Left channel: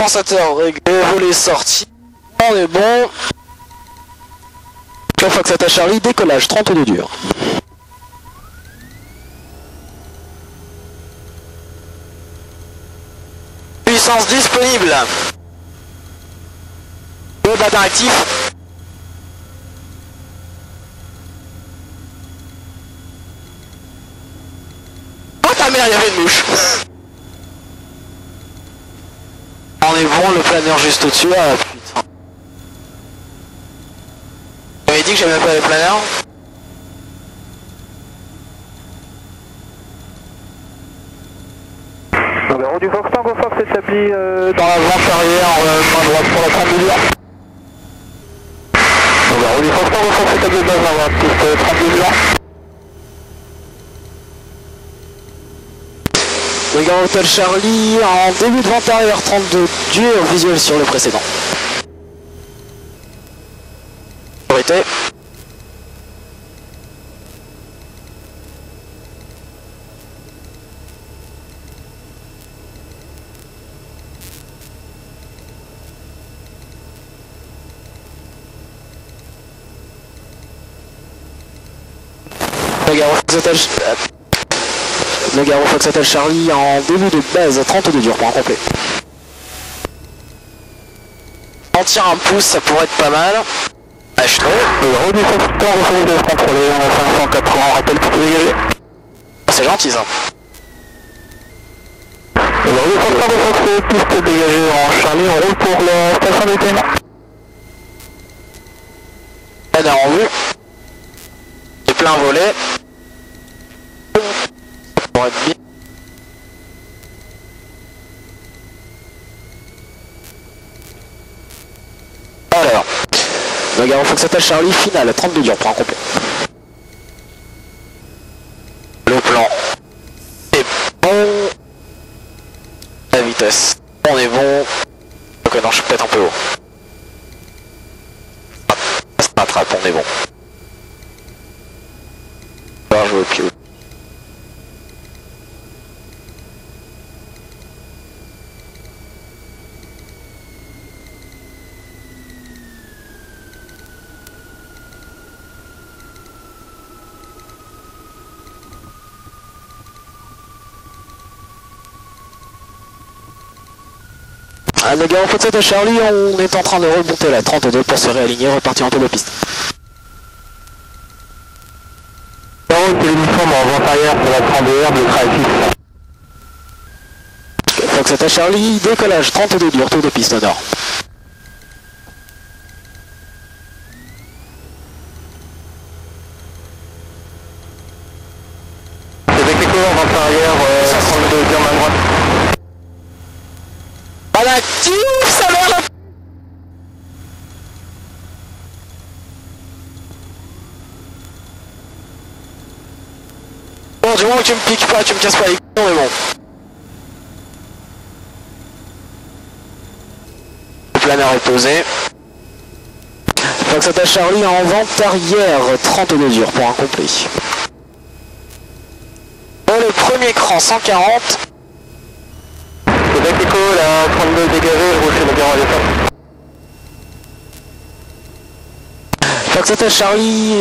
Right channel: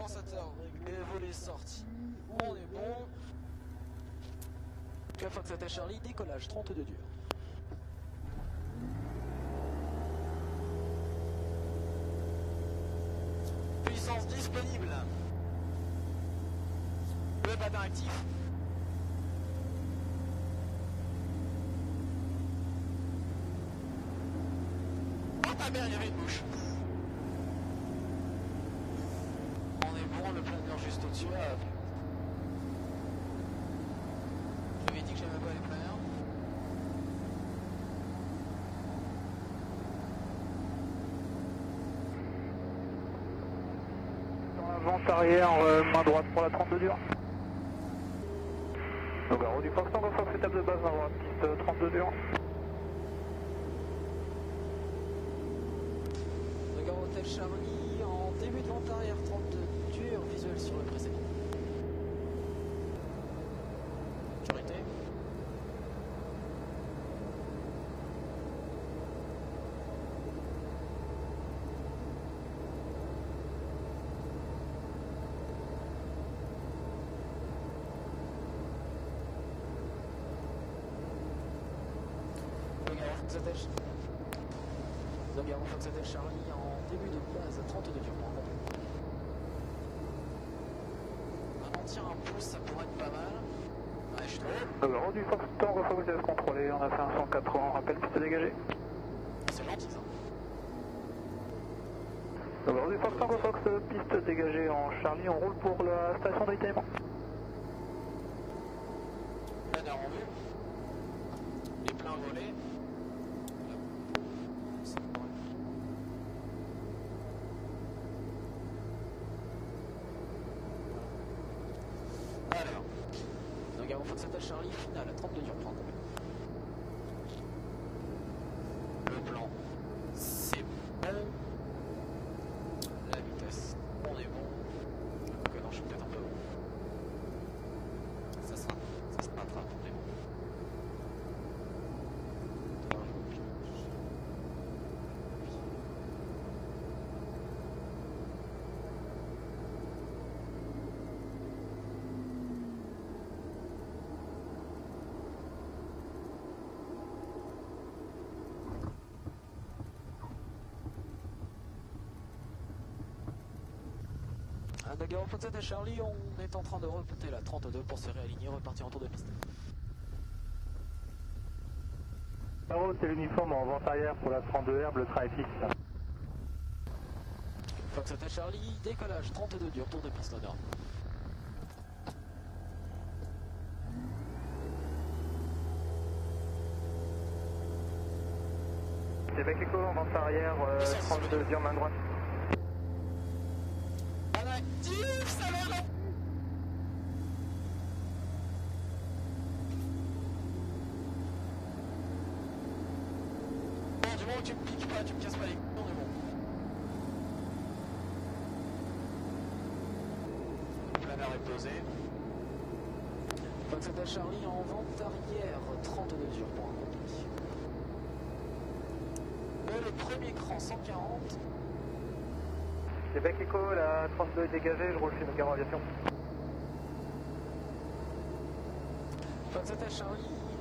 compensateur réglé, volet sorti. On est bon. Fox Attack Charlie, décollage 32 dur. Puissance disponible. Le badin actif. Oh ta mère, il y avait une mouche. On est bon, le planeur juste au-dessus. Ah putain. J'avais dit que j'aimais pas les planeurs. Numéro du Fox Tango Fox établi Dans la vente arrière, main droite pour la 32 dur. Numéro du Fox Tango Fox établi de base main droite, piste 32 dur. Regarde Hotel Charlie en début de vente arrière 32 dur, visuel sur le précédent. Priorité. Le Garo Fox Hotel Charlie en début de base 32 dur pour un complet. On tire un pouce, ça pourrait être pas mal. H3. Le Garo du Fox Tango Fox de contrôler, on a 580, rappel pour dégager. C'est gentil ça. Le Garo du Fox Tango Fox piste dégagée en Charlie, on roule pour la station d'éteinement. Planeur en vue. Et plein volet. Pour être bien. Alors, le Garo Fox Hotel Charlie finale 32 dur pour un complet. Le plan est bon. La vitesse, on est bon. Ok, non, je suis peut-être un peu haut. Ça se rattrape, on est bon. On va jouer au pied. Le Garo Fox Hotel Charlie, on est en train de remonter la 32 pour se réaligner, repartir en taux de piste. Garo, c'est l'uniforme en vente arrière pour la 32R de Travis. Fox Hotel Charlie, décollage 32 dur, taux de piste au nord. Québec Echo en vente arrière, 32 dur main droite. On active, ça merde. Bon, du moment que tu me piques pas, tu me casses pas les couilles, on est bon. Le planeur est posé. Fox Hotel Charlie en vente arrière, 32 dur pour un complet. Bon, le premier cran, 140. Québec Echo, la 32 dégagée, je roule chez le Garo à l'époque. Fox Hotel Charlie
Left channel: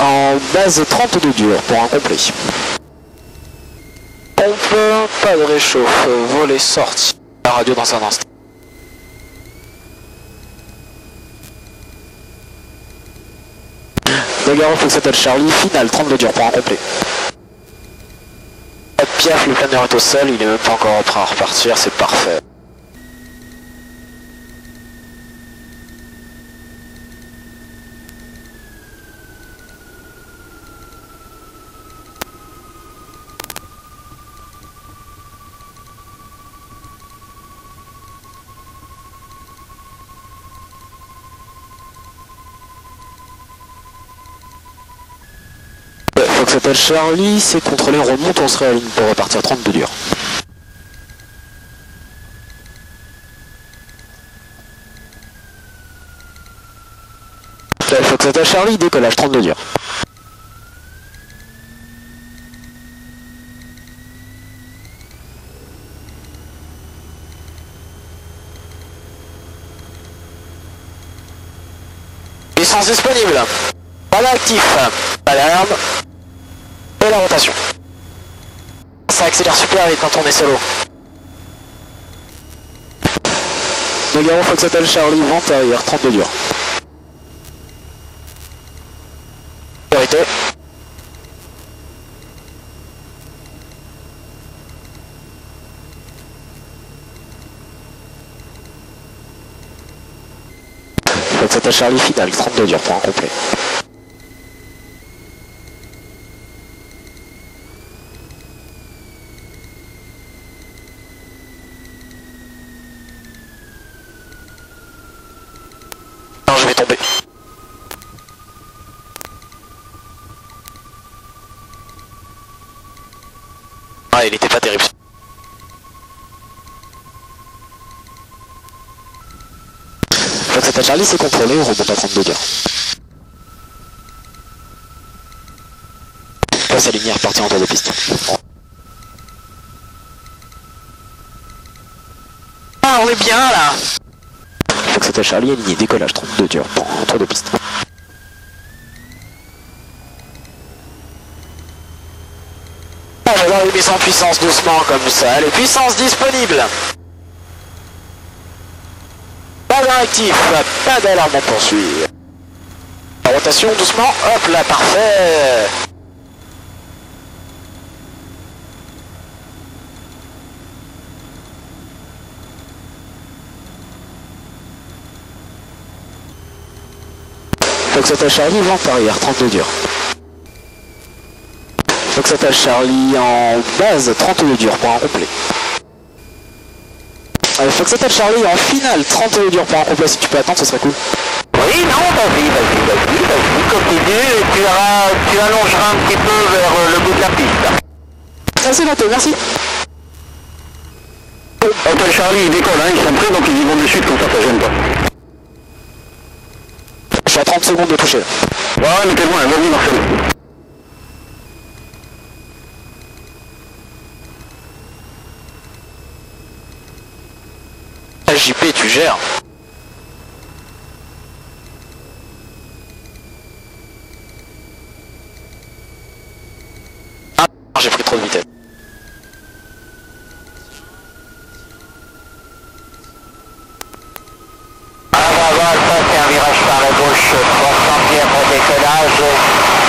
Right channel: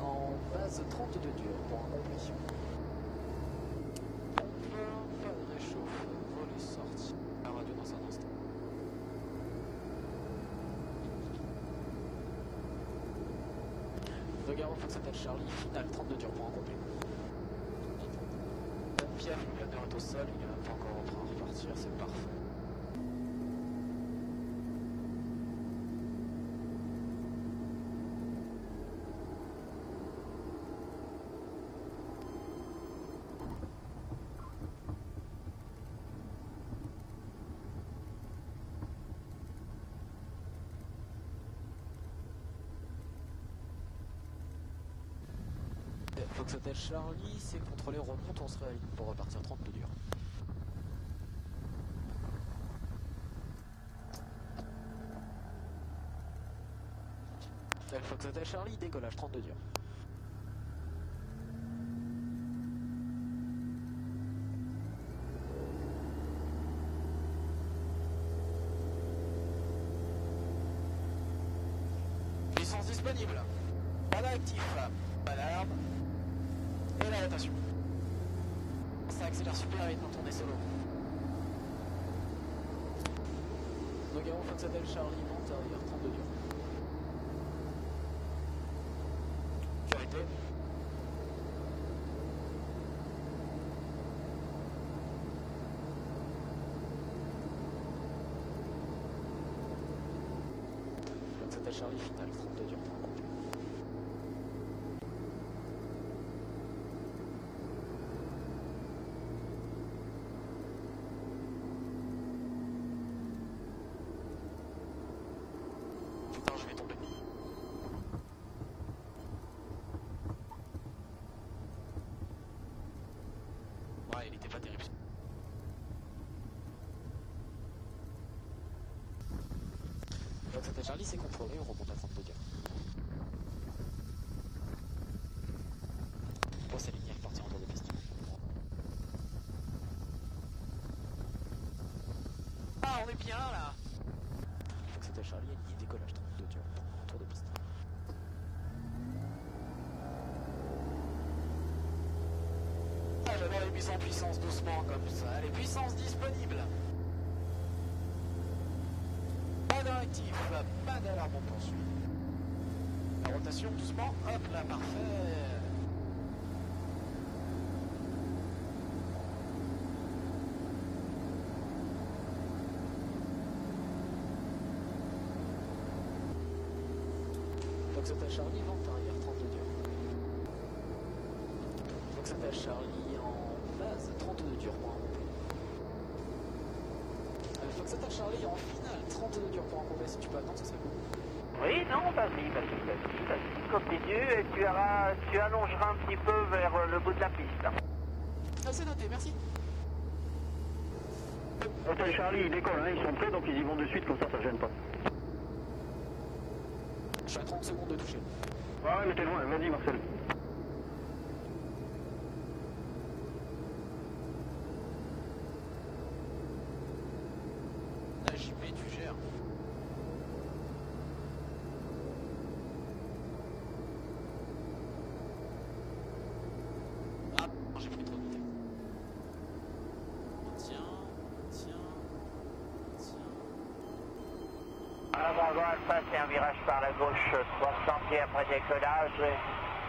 en base 32 dur pour un complet. Pompe, pas de réchauffe, volet sorti. La radio dans un instant. Le Garo Fox Hotel Charlie, finale 32 dur pour un complet. Pas de piaf, le planeur est au sol, il est même pas encore prêt à repartir, c'est parfait. Fox Hotel Charlie, c'est contrôlé, on remonte, on se réaligne pour repartir 32 dur. Fox Hotel Charlie, décollage 32 dur. Puissance disponible. Pas d'actif. Alarme. Et la rotation. Ça accélère super vite quand on est solo. Nogaro Foxhotel Charlie, vente arrière, 32 dur. Priorité. Foxhotel Charlie final, 32 dur pour un complet. Non, je vais tomber. Ah, il était pas terrible. Foxhotel Charlie, c'est contrôlé, on remonte à 32 dur. Passe à lumière, parti en tour de piste. Ah, on est bien là. Foxhotel Charlie, aligné, décollage, 32 dur, en tour de piste. Ah, j'adore les baisser en puissance doucement comme ça. Allez, puissance disponible. Pas d'actif, pas d'alarme, on poursuit. La rotation doucement, hop là, parfait. Foxhotel Charlie, vente arrière, 32 dur. Foxhotel Charlie en base, 32 dur pour un complet. Foxhotel Charlie en finale, 32 dur pour un complet, si tu peux attendre, ce serait cool. Oui, non, vas-y, continue et tu allongeras un petit peu vers le bout de la piste. Ah, c'est noté, merci. Hotel Charlie, il décolle, hein, ils sont prêts, donc ils y vont de suite, comme ça gêne pas. Je suis à 30 secondes de toucher. Ouais, mais t'es loin, vas-y Marcel. JP, tu gères. Ah, j'ai pris trop de vitesse. Ah bah voilà, ça c'est un virage par la gauche, 300 pieds après décollage,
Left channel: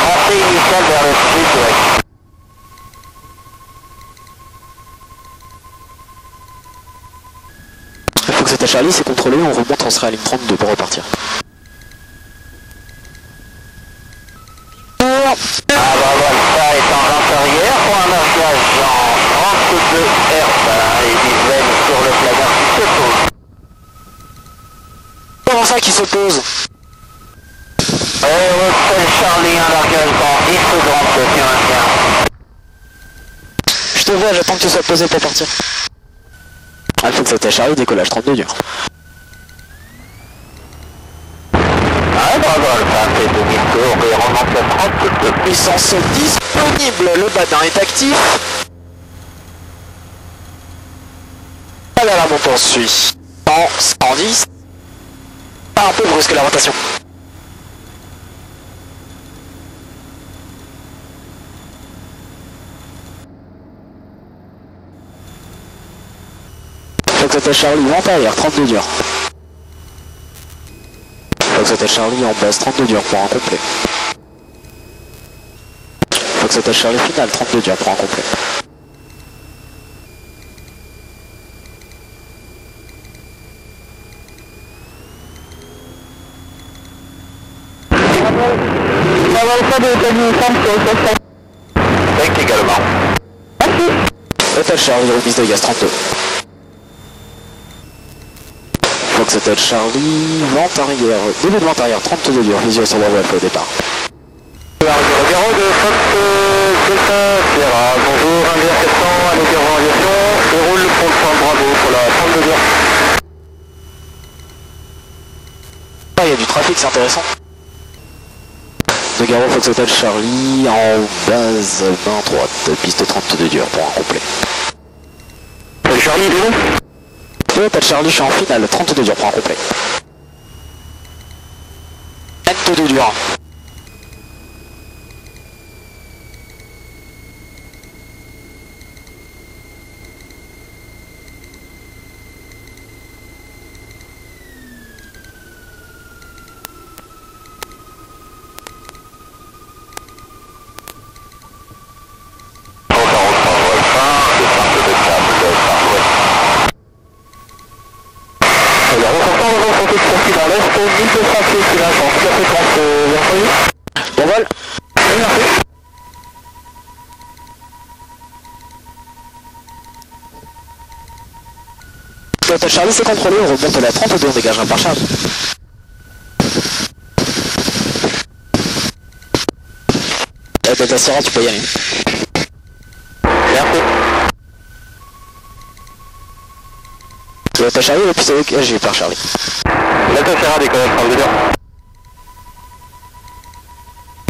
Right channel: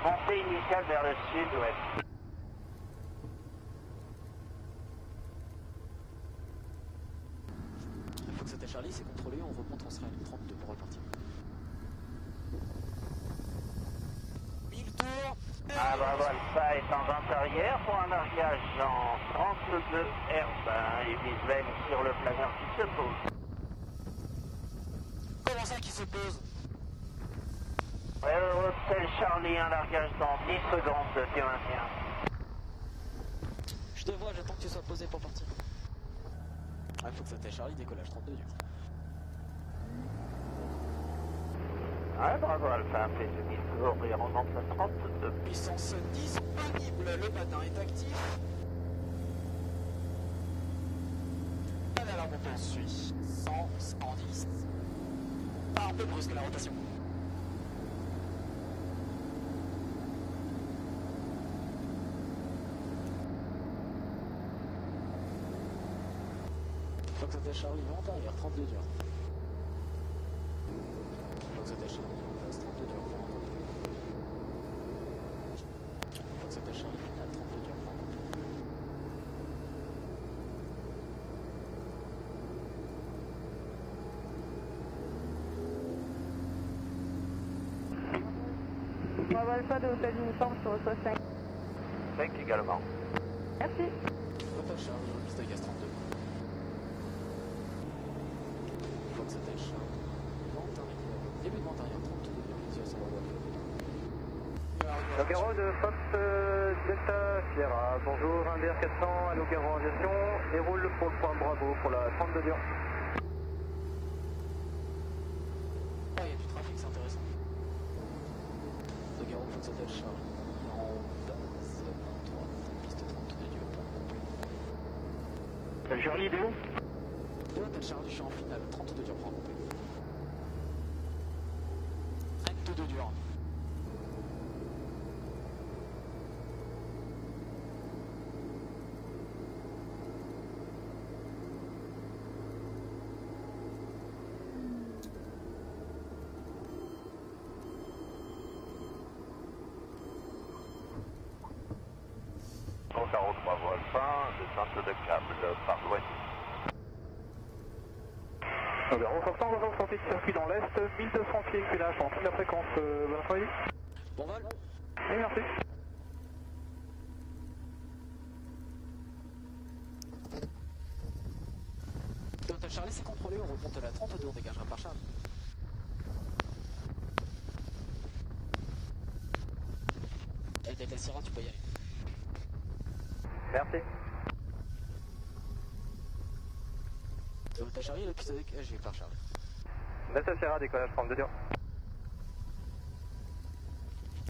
montée initiale vers le sud-ouest. Foxhotel Charlie, c'est contrôlé, on remonte, on sera à ligne 32 pour repartir. Ah bah voilà, ça est en lente arrière pour un marquage en 32 Hz et visuel sur le planeur qui se pose. Comment ça qui se pose? Hotel Charlie, un largage dans 10 secondes, tu maintiens. Je te vois, j'attends que tu sois posé pour partir. Ah, Foxhotel Charlie, décollage 32 dur. Ah bah voilà, ça fait demi-tour et remonte à 32. Puissance disponible, le badin est actif. Pas d'alarme, on poursuit. 110. Pas un peu brusque la rotation. Foxhotel Charlie, vente arrière, 32 dur. Foxhotel Charlie en base, 32 dur pour un complet. Foxhotel Charlie final, 32 dur pour un complet. Pas de téléphone sur le système. Thank également. Merci. Hotel Charlie, remise de gaz 32. Foxhotel Charlie, vente arrière, début de vente arrière, 32 dur, visuel sur la voie au départ. Nogaro de Fox Delta Sierra, bonjour, 1 400 à Nogaro Aviation, déroule pour le point Bravo pour la 32 heures. Ah, il y a du trafic, c'est intéressant. Nogaro Foxhotel Charlie en base main droite, piste 32 dur pour un complet. Charlie, il est où? Hotel Charlie, je suis en finale, 32 dur pour un complet. N2 dur. Dans l'est, 1200 pieds qui lâche en toute la fréquence bienvenue. Bon vol. Oui, merci. Delta Charlie c'est contrôlé, on remonte à la 32, on dégage un par Charlie. Delta Sierra, tu peux y aller. Merci. Delta Charlie, le plus j'ai par Charlie. Delta Sierra décolle 32 heures.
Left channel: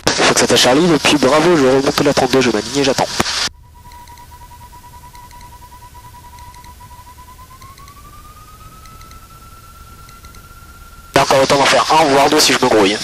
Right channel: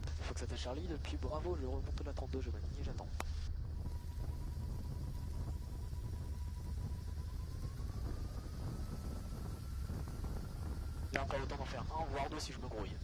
Faut que ça t'a Charlie, et puis bravo, je remonte à la 32, je m'aligne et j'attends. Il y a encore le temps d'en faire un, voire deux si je me grouille.